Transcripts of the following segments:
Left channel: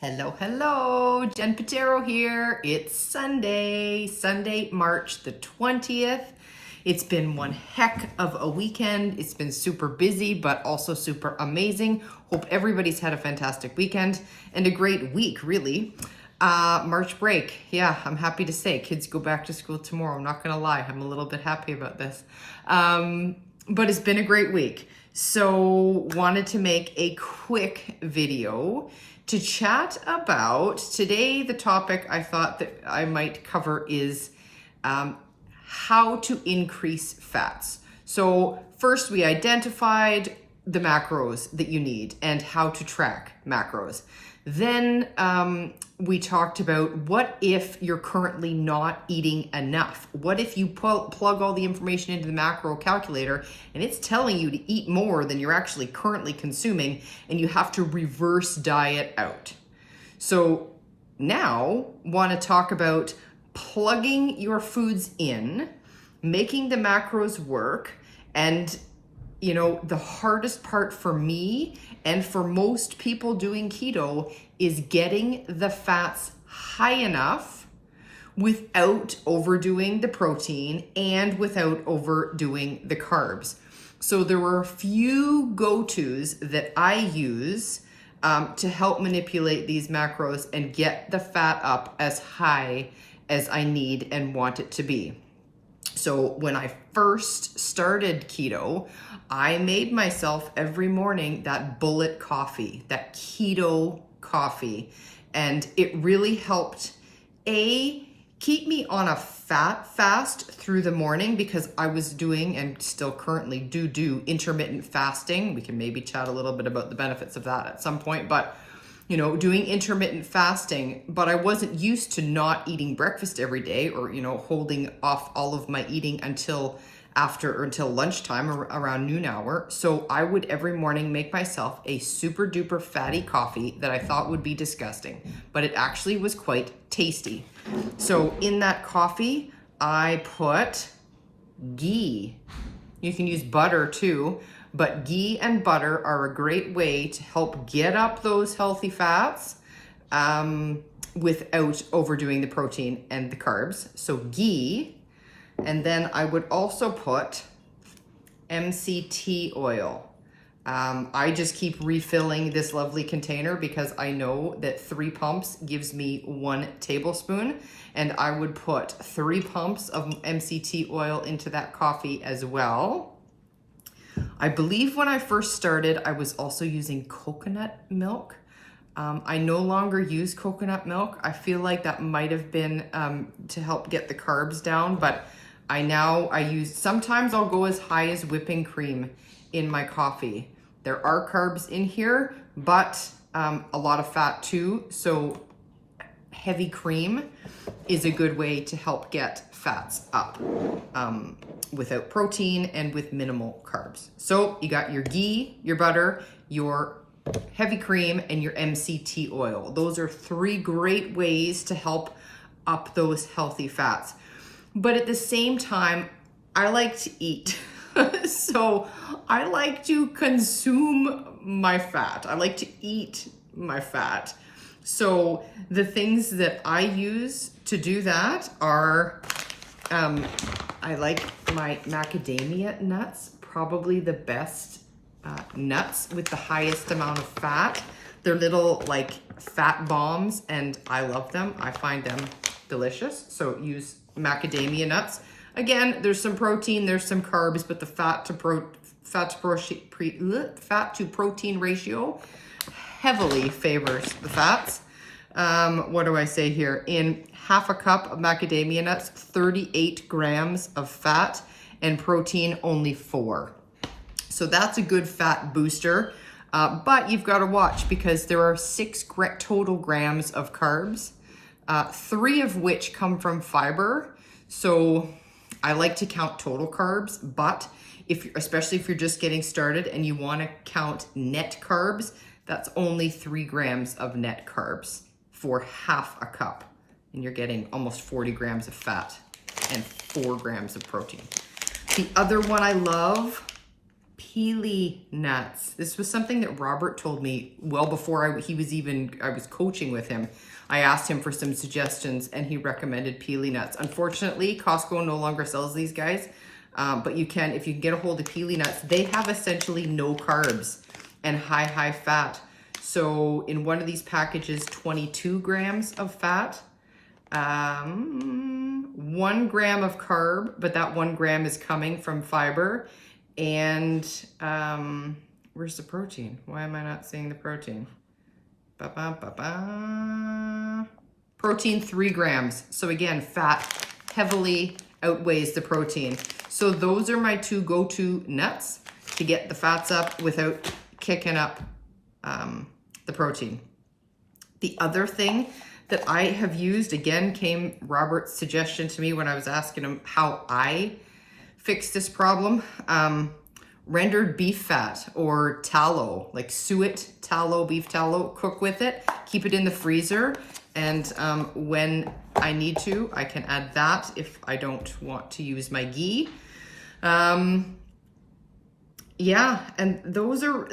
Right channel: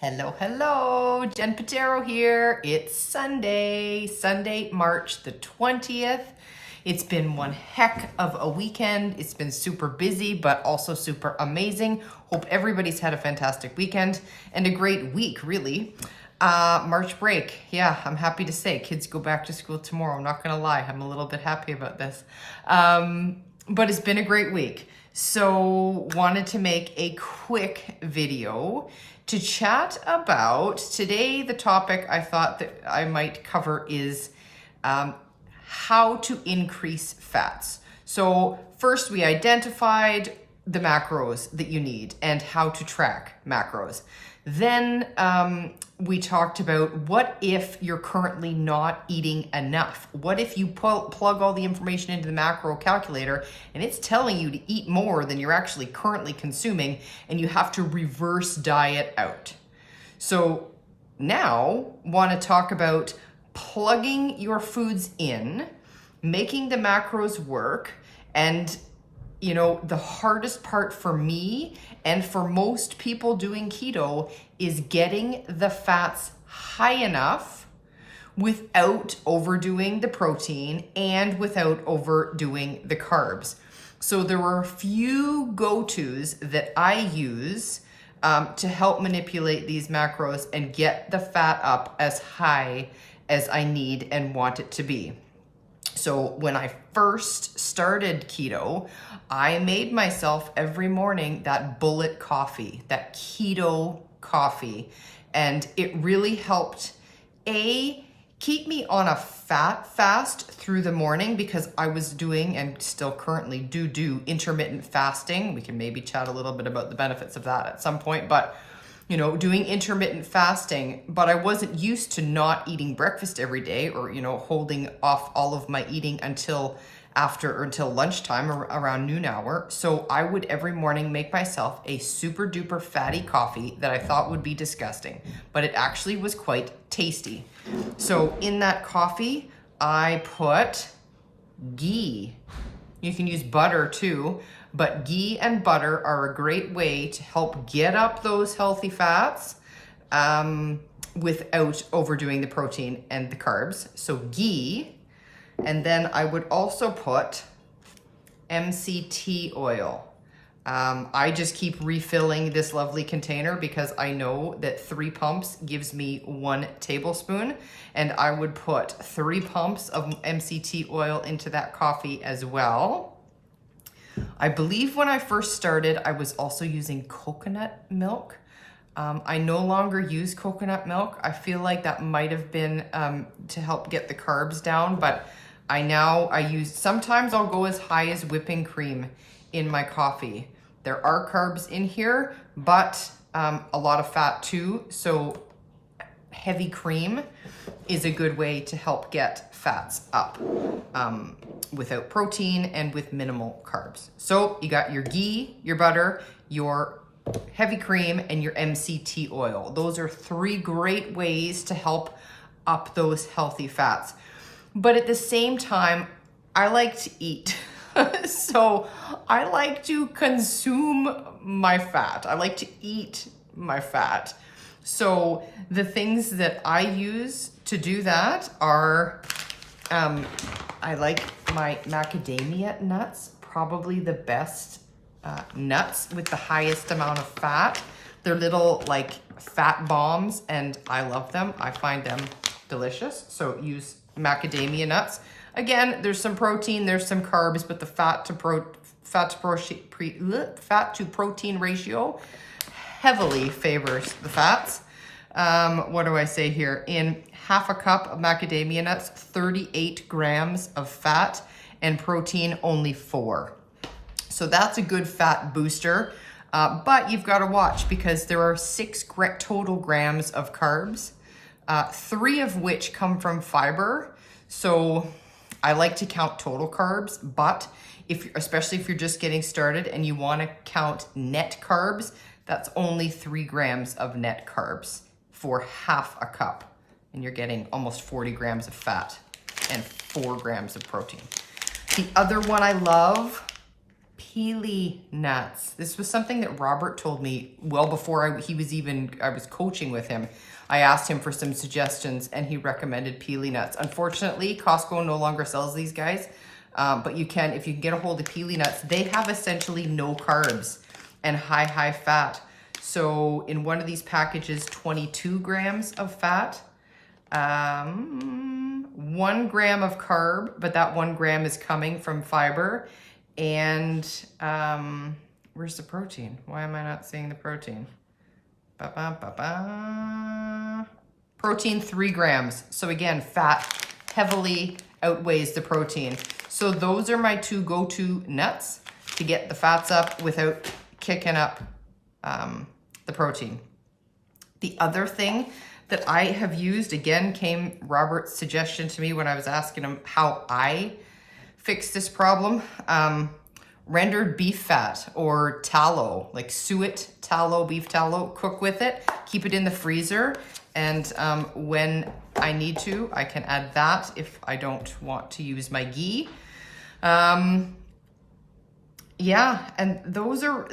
Hello, hello, Jen Patero here. It's Sunday, March the 20th. It's been one heck of a weekend. It's been super busy, but also super amazing. Hope everybody's had a fantastic weekend and a great week, really. March break. Yeah, I'm happy to say kids go back to school tomorrow. I'm not gonna lie, I'm a little bit happy about this. But it's been a great week. So wanted to make a quick video to chat about today. The topic I thought that I might cover is how to increase fats. So first we identified the macros that you need and how to track macros. Then we talked about what if you're currently not eating enough? What if you plug all the information into the macro calculator and it's telling you to eat more than you're actually currently consuming and you have to reverse diet out? So now want to talk about plugging your foods in, making the macros work, and you know, the hardest part for me and for most people doing keto is getting the fats high enough without overdoing the protein and without overdoing the carbs. So there were a few go-tos that I use to help manipulate these macros and get the fat up as high as I need and want it to be. So when I first started keto, I made myself every morning that bullet coffee, that keto coffee. And it really helped, keep me on a fat fast through the morning because I was doing and still currently do intermittent fasting. We can maybe chat a little bit about the benefits of that at some point, but you know, doing intermittent fasting, but I wasn't used to not eating breakfast every day or, you know, holding off all of my eating until lunchtime or around noon hour. So I would every morning make myself a super duper fatty coffee that I thought would be disgusting, but it actually was quite tasty. So in that coffee, I put ghee. You can use butter too, but ghee and butter are a great way to help get up those healthy fats without overdoing the protein and the carbs. So ghee. And then I would also put MCT oil. I just keep refilling this lovely container because I know that 3 pumps gives me 1 tablespoon. And I would put 3 pumps of MCT oil into that coffee as well. I believe when I first started, I was also using coconut milk. I no longer use coconut milk. I feel like that might have been to help get the carbs down, but I use, sometimes I'll go as high as whipping cream in my coffee. There are carbs in here, but a lot of fat too. So heavy cream is a good way to help get fats up without protein and with minimal carbs. So you got your ghee, your butter, your heavy cream, and your MCT oil. Those are 3 great ways to help up those healthy fats. But at the same time, I like to eat. So I like to consume my fat. I like to eat my fat. So the things that I use to do that are, I like my macadamia nuts, probably the best nuts with the highest amount of fat. They're little like fat bombs and I love them. I find them delicious. So use macadamia nuts. Again, there's some protein, there's some carbs, but the fat to protein ratio heavily favors the fats. What do I say here? In half a cup of macadamia nuts, 38 grams of fat, and protein only 4. So that's a good fat booster. But you've got to watch because there are 6 total grams of carbs, 3 of which come from fiber. So I like to count total carbs, but especially if you're just getting started and you want to count net carbs, that's only 3 grams of net carbs for half a cup. And you're getting almost 40 grams of fat and 4 grams of protein. The other one I love, Peely nuts. This was something that Robert told me well before I was coaching with him. I asked him for some suggestions and he recommended Peely nuts. Unfortunately, Costco no longer sells these guys, but if you can get a hold of Peely nuts, they have essentially no carbs and high fat. So in one of these packages, 22 grams of fat, 1 gram of carb, but that 1 gram is coming from fiber. And where's the protein? Why am I not seeing the protein? Protein 3 grams. So again, fat heavily outweighs the protein. So those are my 2 go-to nuts to get the fats up without kicking up the protein. The other thing that I have used, again, came Robert's suggestion to me when I was asking him how I fix this problem. Rendered beef fat or tallow, like suet tallow, beef tallow, cook with it, keep it in the freezer. And when I need to, I can add that if I don't want to use my ghee. Yeah, and those are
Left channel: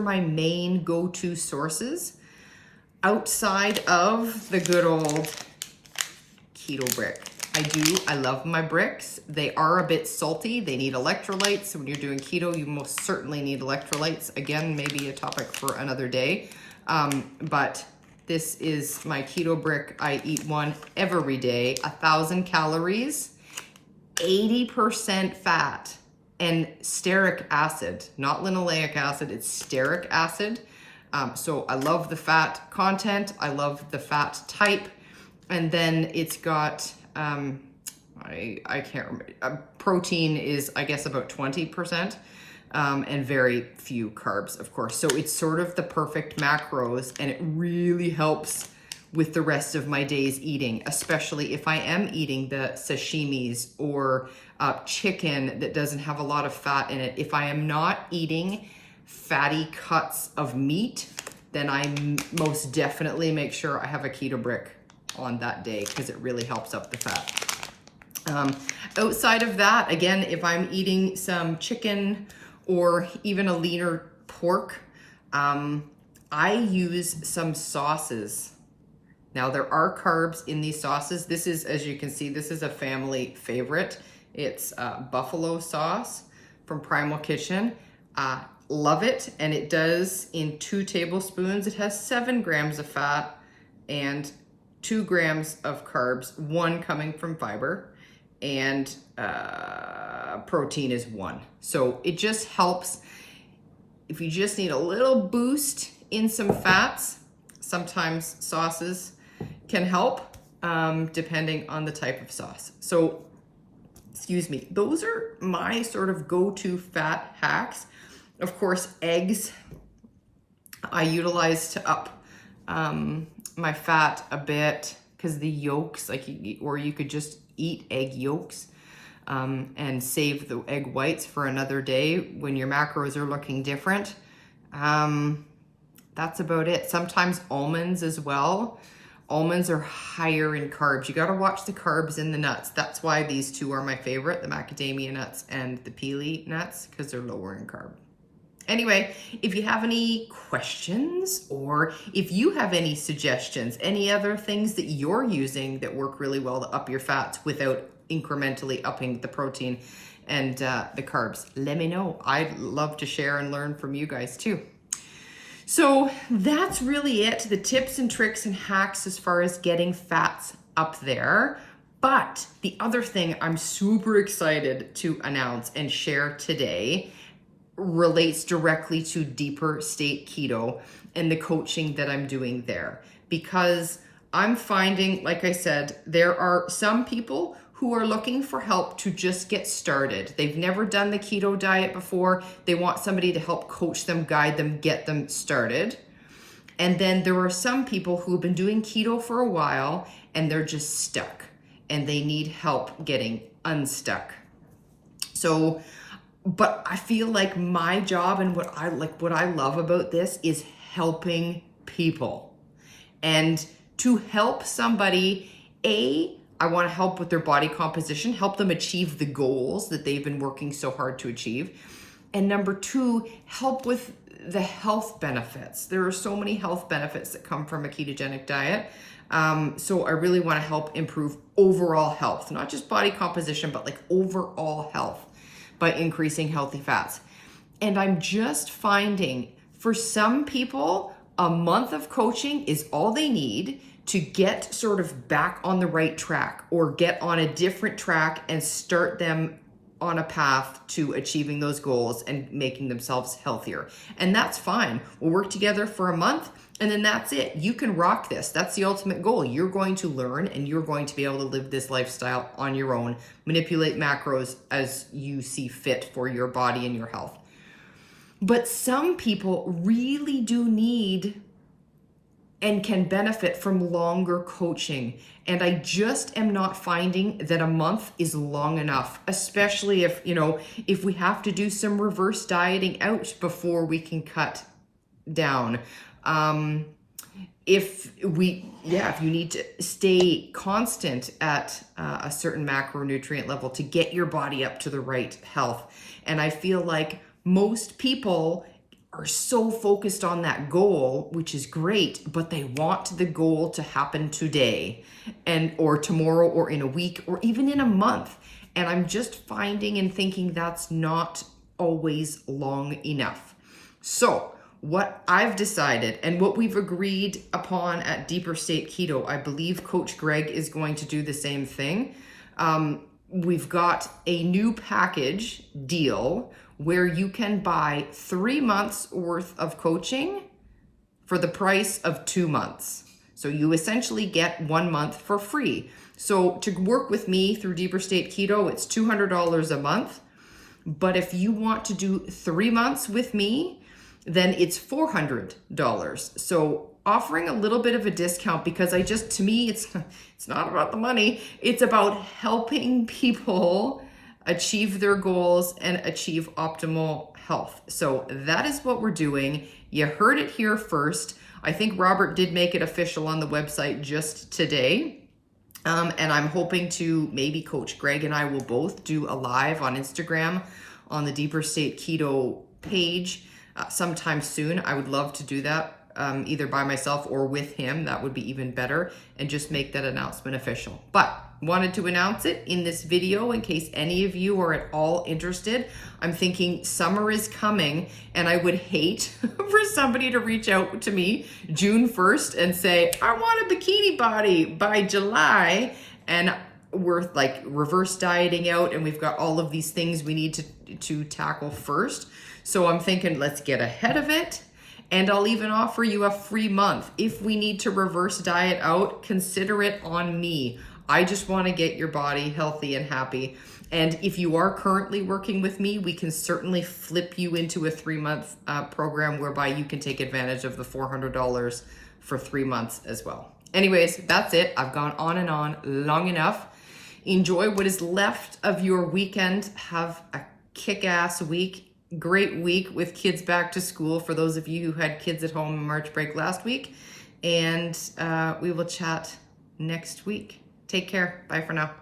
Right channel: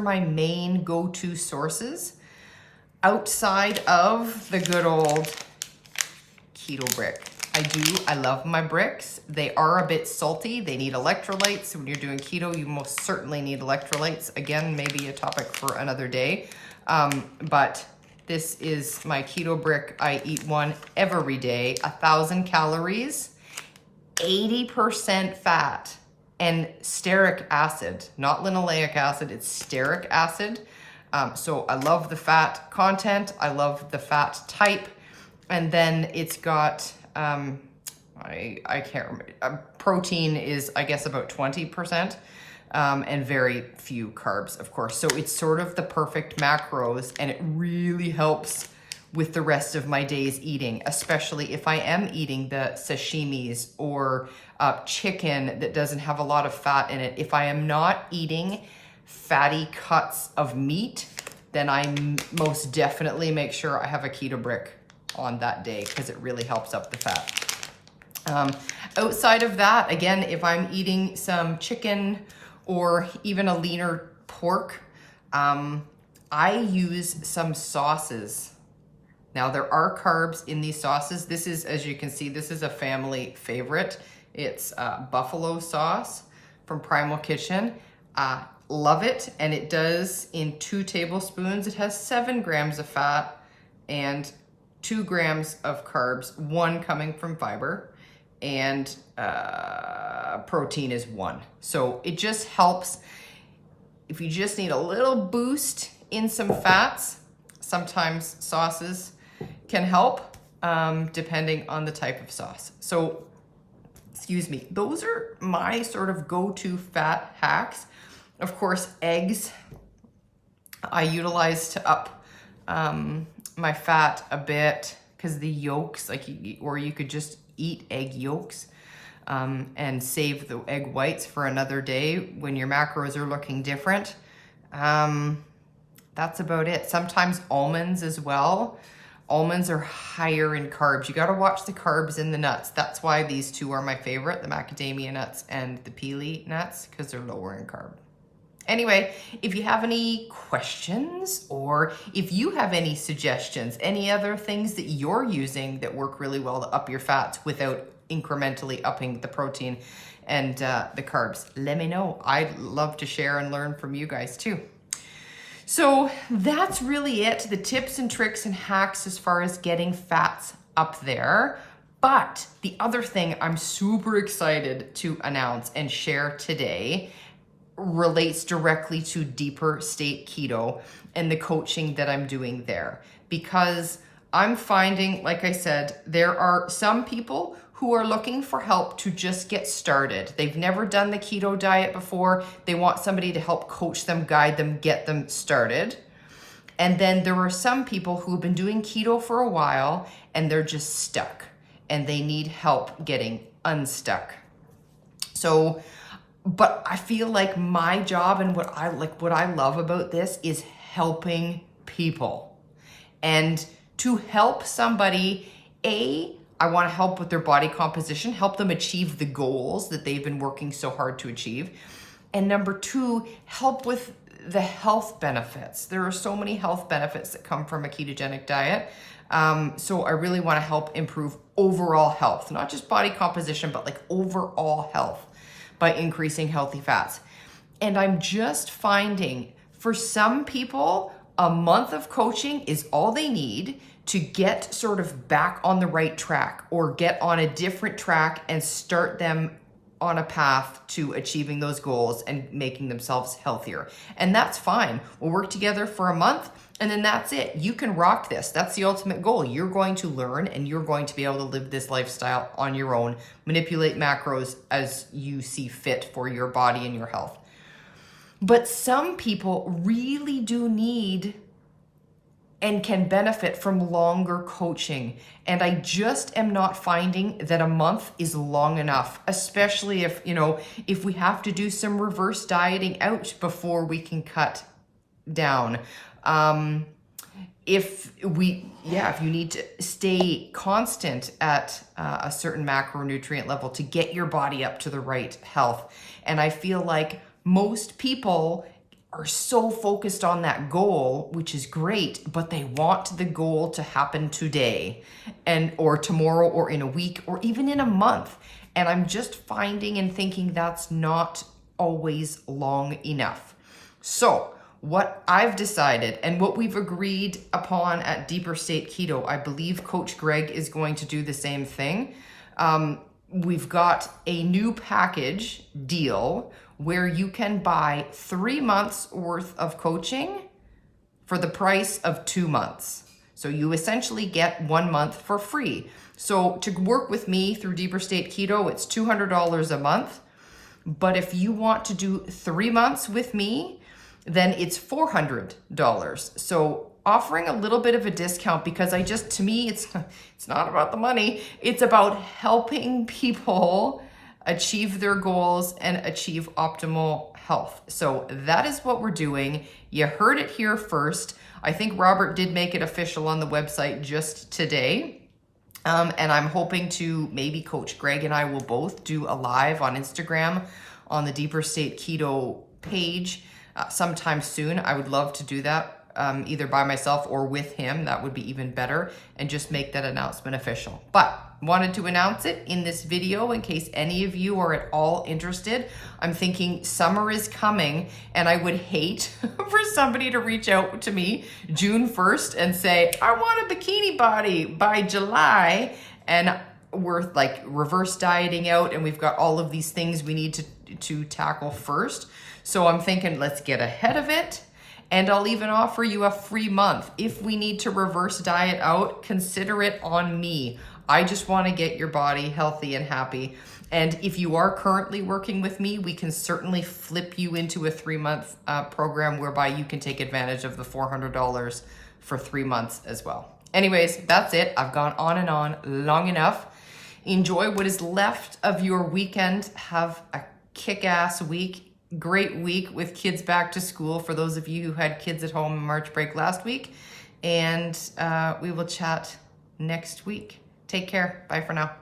my main go-to sources outside of the good old keto brick. I love my bricks. They are a bit salty. They need electrolytes. When you're doing keto, you most certainly need electrolytes. Again, maybe a topic for another day. But this is my keto brick. I eat one every day, 1,000 calories, 80% fat, and stearic acid, not linoleic acid, it's stearic acid. So I love the fat content. I love the fat type. And then it's got, I can't remember, protein is, I guess, about 20%, and very few carbs, of course. So it's sort of the perfect macros, and it really helps with the rest of my day's eating, especially if I am eating the sashimis or chicken that doesn't have a lot of fat in it. If I am not eating fatty cuts of meat, then I most definitely make sure I have a keto brick on that day because it really helps up the fat. Outside of that, again, if I'm eating some chicken or even a leaner pork, I use some sauces. Now there are carbs in these sauces. This is, as you can see, this is a family favorite. It's buffalo sauce from Primal Kitchen. Love it, and it does in 2 tablespoons. It has 7 grams of fat and 2 grams of carbs, 1 coming from fiber, and protein is 1. So it just helps if you just need a little boost in some fats. Sometimes sauces can help depending on the type of sauce. So, excuse me, those are my sort of go-to fat hacks. Of course, eggs I utilize to up my fat a bit because the yolks, or you could just eat egg yolks and save the egg whites for another day when your macros are looking different. That's about it. Sometimes almonds as well. Almonds are higher in carbs. You got to watch the carbs in the nuts. That's why these 2 are my favorite, the macadamia nuts and the Peely nuts, because they're lower in carb. Anyway, if you have any questions or if you have any suggestions, any other things that you're using that work really well to up your fats without incrementally upping the protein and the carbs, let me know. I'd love to share and learn from you guys too. So that's really it, the tips and tricks and hacks as far as getting fats up there. But the other thing I'm super excited to announce and share today relates directly to deeper state keto and the coaching that I'm doing there. Because I'm finding, like I said, there are some people who are looking for help to just get started. They've never done the keto diet before. They want somebody to help coach them, guide them, get them started. And then there are some people who have been doing keto for a while and they're just stuck and they need help getting unstuck. So, but I feel like my job and what I love about this is helping people. And to help somebody, I want to help with their body composition, help them achieve the goals that they've been working so hard to achieve. And number two, help with the health benefits. There are so many health benefits that come from a ketogenic diet. So I really want to help improve overall health, not just body composition, but like overall health by increasing healthy fats. And I'm just finding for some people, a month of coaching is all they need to get sort of back on the right track or get on a different track and start them on a path to achieving those goals and making themselves healthier. And that's fine. We'll work together for a month and then that's it. You can rock this. That's the ultimate goal. You're going to learn and you're going to be able to live this lifestyle on your own, manipulate macros as you see fit for your body and your health. But some people really do need and can benefit from longer coaching. And I just am not finding that a month is long enough, especially if we have to do some reverse dieting out before we can cut down. If you need to stay constant at a certain macronutrient level to get your body up to the right health. And I feel like most people are so focused on that goal, which is great, but they want the goal to happen today or tomorrow or in a week or even in a month. And I'm just finding and thinking that's not always long enough. So what I've decided and what we've agreed upon at Deeper State Keto, I believe Coach Greg is going to do the same thing. We've got a new package deal where you can buy 3 months worth of coaching for the price of 2 months. So you essentially get 1 month for free. So to work with me through Deeper State Keto, it's $200 a month. But if you want to do 3 months with me, then it's $400. So offering a little bit of a discount because to me, it's not about the money. It's about helping people achieve their goals and achieve optimal health. So that is what we're doing. You heard it here first. I think Robert did make it official on the website just today. And I'm hoping to maybe Coach Greg and I will both do a live on Instagram on the Deeper State Keto page sometime soon. I would love to do that either by myself or with him. That would be even better, and just make that announcement official. But wanted to announce it in this video in case any of you are at all interested. I'm thinking summer is coming and I would hate for somebody to reach out to me June 1st and say, I want a bikini body by July, and we're like reverse dieting out and we've got all of these things we need to tackle first. So I'm thinking let's get ahead of it. And I'll even offer you a free month. If we need to reverse diet out, consider it on me. I just want to get your body healthy and happy. And if you are currently working with me, we can certainly flip you into a 3-month program whereby you can take advantage of the $400 for 3 months as well. Anyways, that's it. I've gone on and on long enough. Enjoy what is left of your weekend. Have a kick-ass week. Great week with kids back to school for those of you who had kids at home on March break last week. And we will chat next week. Take care. Bye for now.